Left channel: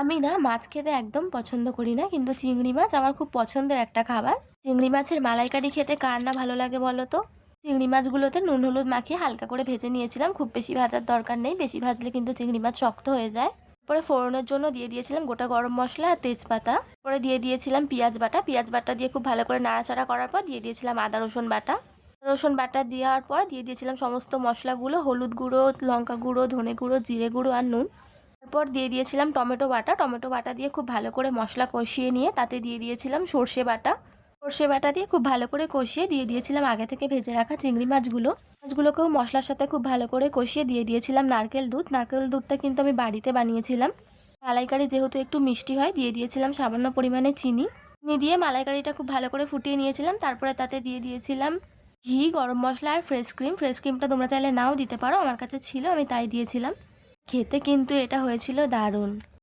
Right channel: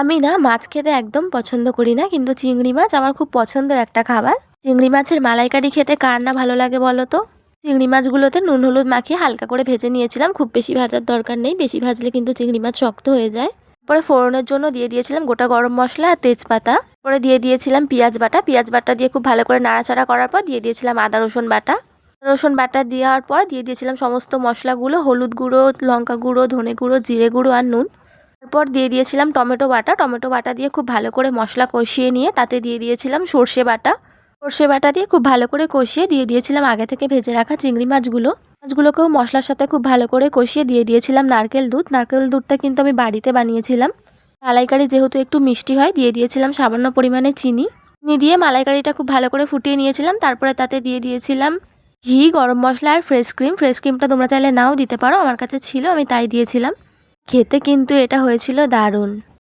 আমি না মাছ খেতে একদম পছন্দ করি না, কিন্তু চিংড়ি মাছ আমার খুব পছন্দের একটা খাবার। চিংড়ি মাছের মালাইকারি খেতে কার না ভালো লাগে বলো তো? চিংড়ি মাছগুলোতে নুন হলুদ মাখিয়ে হালকা করে ভেজে নিয়েছিলাম। খুব বেশি ভাজার দরকার নেই, বেশি ভাজলে কিন্তু চিংড়ি মাছ শক্ত হয়ে যায়। পরে ফোড়নের জন্য দিয়ে দিয়েছিলাম গোটা গরম মশলা আর তেজপাতা। পরে দিয়ে দিয়েছিলাম পেঁয়াজ বাটা। পেঁয়াজ বাটা দিয়ে খুব ভালো করে নাড়াচাড়া করার পর দিয়ে দিয়েছিলাম আদা রসুন বাটা। রসুন বাটা দেওয়ার পর দিয়ে দিয়েছিলাম সমস্ত মশলাগুলো, হলুদ গুঁড়ো, লঙ্কা গুঁড়ো, ধনে গুঁড়ো, জিরে গুঁড়ো আর নুন। তারপর দিয়ে দিয়েছিলাম টমেটো বাটা। টমেটো বাটা দিয়ে খুব ভালো করে মশলা কষিয়ে নিয়ে তাতে দিয়ে দিয়েছিলাম সর্ষে বাটা। সর্ষে বাটা দিয়ে খুব ভালো করে কষিয়ে দিয়ে দিয়েছিলাম আগে থেকে ভেজে রাখা চিংড়ি মাছগুলো। মাছগুলোকেও মশলার সাথে খুব ভালো করে কষিয়ে দিয়ে দিয়েছিলাম নারকেল দুধ। নারকেল দুধটা কিন্তু আমি বাড়িতে বানিয়েছিলাম। মালাইকারি যেহেতু একটু মিষ্টি হয়, দিয়ে দিয়েছিলাম সামান্য পরিমাণে চিনি। চিনি দিয়ে মালাইকারিটা খুব ভালো করে ফুটিয়ে নিয়েছিলাম। তারপরে তাতে দিয়ে দিয়েছিলাম ঘি, গরম মশলা আর ফ্রেশ ক্রিম। ফ্রেশ ক্রিমটা তোমরা চাইলে নাও দিতে পারো, আমার কাছে ছিল আমি তাই দিয়েছিলাম। খেতে কিন্তু এটা হয়েছিল দারুণ।